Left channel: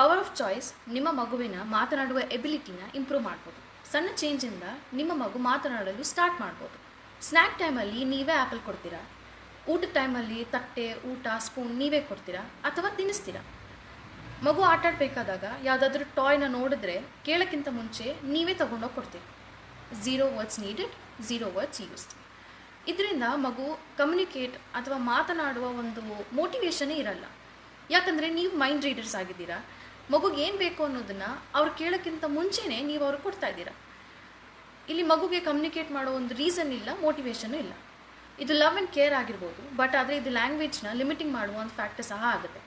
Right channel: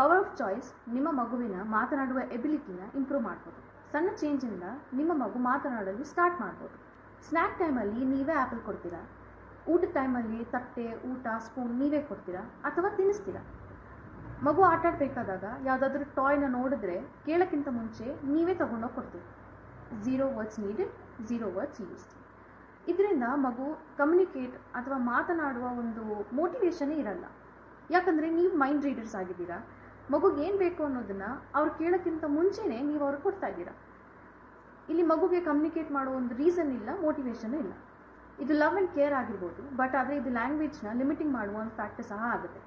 Power of choice ನಿಮ್ಮ ಮಗುವಿನ ಮಾತನಾಡುವ ಎಬಿಲಿಟಿನ ಇಂಪ್ರೂವ್ ಮಾಡ್ಬೋದು. ಸಣ್ಣ ಚೇಂಜಿಂದ ನಿಮ್ಮ ಮಗು ಮಾತನಾಡಲು ಸ್ಟಾರ್ಟ್ ಮಾಡ್ಬೋದು. ಸ್ನ್ಯಾಕ್ ಟೈಮಲ್ಲಿ ನೀವೇ ಆ್ಯಪಲ್ ಕೊಡ್ತೀರಾ, ಊಟದ ಟೈಮಲ್ಲಿ ತಟ್ಟೆ, ಊಟ, ಸ್ಪೂನ್ ನೀವೇ ಕೊಡ್ತೀರಾ ಅಥವಾ ತಿನ್ನಿಸ್ತೀರಾ. ಮಗು ಆಟಾಡಬೇಕಾದಾಗ ಯಾವುದಾದ್ರೂ ಟಾಯ್ನ ನೋಡಿದ್ರೆ ಕೇಳೋಕ್ಕಿಂತ ಮುಂಚೆ ನೀವೇ ತೊಗೊಂಡೋಗಿ ಕೊಡ್ತೀರಿ. 0 ವರ್ಡ್ಸ್ ನೀಡೆಡ್, 0 ವರ್ಡ್ಸ್ ಯೂಸ್ಡ್. ಇದರಿಂದ ಮಗು ಕಮ್ಯುನಿಕೇಟ್ ಅಥವಾ ಮಾತನಾಡುವ ಒಂದು ಮೋಟಿವೇಶನೇ ಇರಲ್ಲ. ಯಾಕಂದರೆ ನೀವು ಮೈಂಡ್ ರೀಡರ್ಸ್ ಆಗಿದ್ದೀರಾ. ಮಗುಗೆ ಏನು ಬೇಕು ಅನ್ನೋದನ್ನು ಅವ್ರು ಕೇಳೋಕ್ಕಿಂತ ಮುಂಚೆನೇ ನೀವು ಅವ್ರಿಗೆ ಕೊಡ್ತಾ ಇದ್ದೀರಾ. ಇಲ್ಲಿ ಮಗುಗೆ ಕಮ್ಯುನಿಕೇಟ್ ಮಾಡೋ ಒಂದು ರೀಸನ್ ಇಲ್ಲ, ಮೋಟಿವೇಶನು ಇಲ್ಲ. ಇದು ಲವ್ ಆ್ಯಂಡ್ ಕೇರ್ ಆಗಿರ್ಬೋದು, ಬಟ್ ಆದರೆ ಇದು ಲ್ಯಾಂಗ್ವೇಜ್ನ ಲಿಮಿಟಿಂಗ್ ಮಾಡುವ ಒಂದು ಫ್ಯಾಕ್ಟರ್ ಸಹ ಆಗುತ್ತೆ.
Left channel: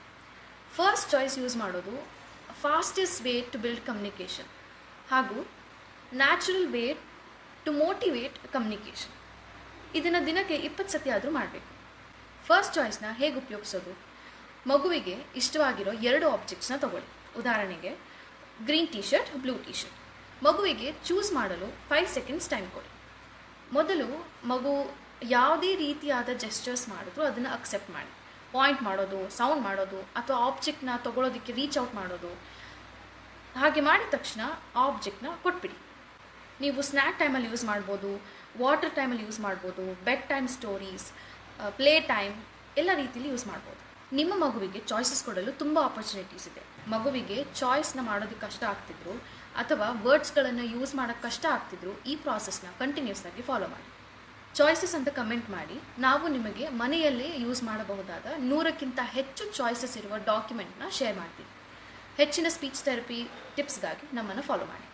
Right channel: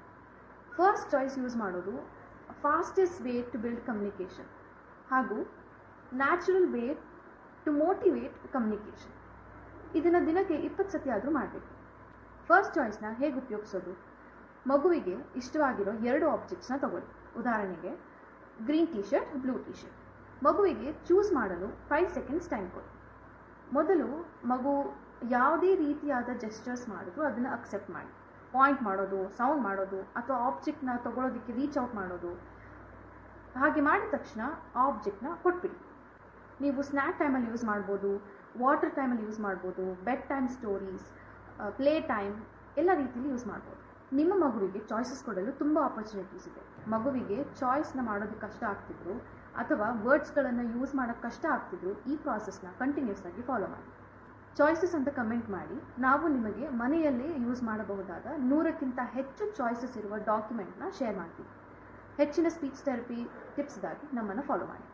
ಫಸ್ಟ್ ಚಾಯ್ಸ್ ಯೂಸ್ ಮಾಡೋದು fastest way to build communication ಹಾಗೂ natural way to motivate communication. ಇದನ್ನು ದಿನಕ್ಕೆ 20 ಸತಿ ಆದರೂ ಮಾಡಬೇಕು. ಫಸ್ಟ್ ಚಾಯ್ಸ್ನ ಹೇಗೆ ಉಪಯೋಗಿಸೋದು? ಮಗುವಿಗೆ ಇಷ್ಟವಾಗಿರೋ 2 ಆಬ್ಜೆಕ್ಟ್ಸ್ನ ತಗೊಳ್ಳಿ. ಉದಾಹರಣೆಗೆ green tea shirt, blue T shirt. ಮಗುವಿಗೆ ಚೂಸ್ ಮಾಡಲು 5 ಸೆಕೆಂಡ್ಸ್ ಟೈಮ್ ಕೊಡಿ. ಮೊದಲು ಮಗು ಯಾವುದೇ ರೀತಿಯಾದ ಜೆಸ್ಚರ್ಸ್ ಮಾಡಿದ್ರು ಅದನ್ನು ಅಕ್ಸೆಪ್ಟ್ ಮಾಡಿ. ಪಾಯಿಂಟ್ ಮಾಡೋದು, ಸೌಂಡ್ ಮಾಡೋದು ಅಥವಾ ಆಬ್ಜೆಕ್ಟ್ನ ತೊಗೊಳೋದಕ್ಕೆ ರೀಚ್ ಔಟ್ ಮಾಡೋದು, ಹಾಗೆ ಮಾಡಿದ ತಕ್ಷಣ ಆಬ್ಜೆಕ್ಟ್ನ ಕೊಟ್ಬಿಡಿ. ನೀವು ಸ್ನ್ಯಾಕ್ ಟೈಮಲ್ಲಿ ಯೂಸ್ ಮಾಡ್ಬೋದು, ವಾಟರ್ ಟೈಮಲ್ಲಿ ಯೂಸ್ ಮಾಡ್ಬೋದು, bed time stories, play time ಎಲ್ಲ ರೀತಿಯಲ್ಲಿ ಯೂಸ್ ಮಾಡ್ಬೋದು. ನಿಮ್ಮ ಮಗುವಿಗೆ ಚಾಯ್ಸಸ್ ಕೊಡಲು ತುಂಬ ಆಪರ್ಚುನಿಟೀಸ್ ಇದೆ. ಮಗುವಿಗೆ ಚಾಯ್ಸ್ನ ಮಾಡೋದಕ್ಕೆ ಕಷ್ಟ ಆಗ್ತಿದ್ರು ಅಥವಾ ವರ್ಡ್ಸ್ಗಳನ್ನು ಯೂಸ್ ಮಾಡೋಕ್ಕೆ ಕಷ್ಟ ಆಗ್ತಿದ್ರು, ಈ ಪ್ರಾಸೆಸ್ನ ಕಂಟಿನ್ಯೂಸ್ ಆಗಿ ಫಾಲೋ ಮಾಡಿ. ಚಾಯ್ಸಸ್ ಅಂತ ಕಮೆಂಟ್ ಮಾಡಿ. ನಾವು ನಿಮಗೆ ಮನೆಯಲ್ಲೇ ಯೂಸ್ ಮಾಡಬಹುದಾದ 100ಕ್ಕಿಂತ ಹೆಚ್ಚು ಚಾಯ್ಸಸ್ ಇರುವ ಡಾಕ್ಯುಮೆಂಟ್ನ ಶೇರ್ ಮಾಡ್ತೀವಿ. ಹೆಚ್ಚಿನ ಸ್ಪೀಚ್ ಥೆರಪಿ ಟಿಪ್ಸ್ಗಾಗಿ ನಮ್ಮನ್ನು ಫಾಲೋ ಮಾಡಿ.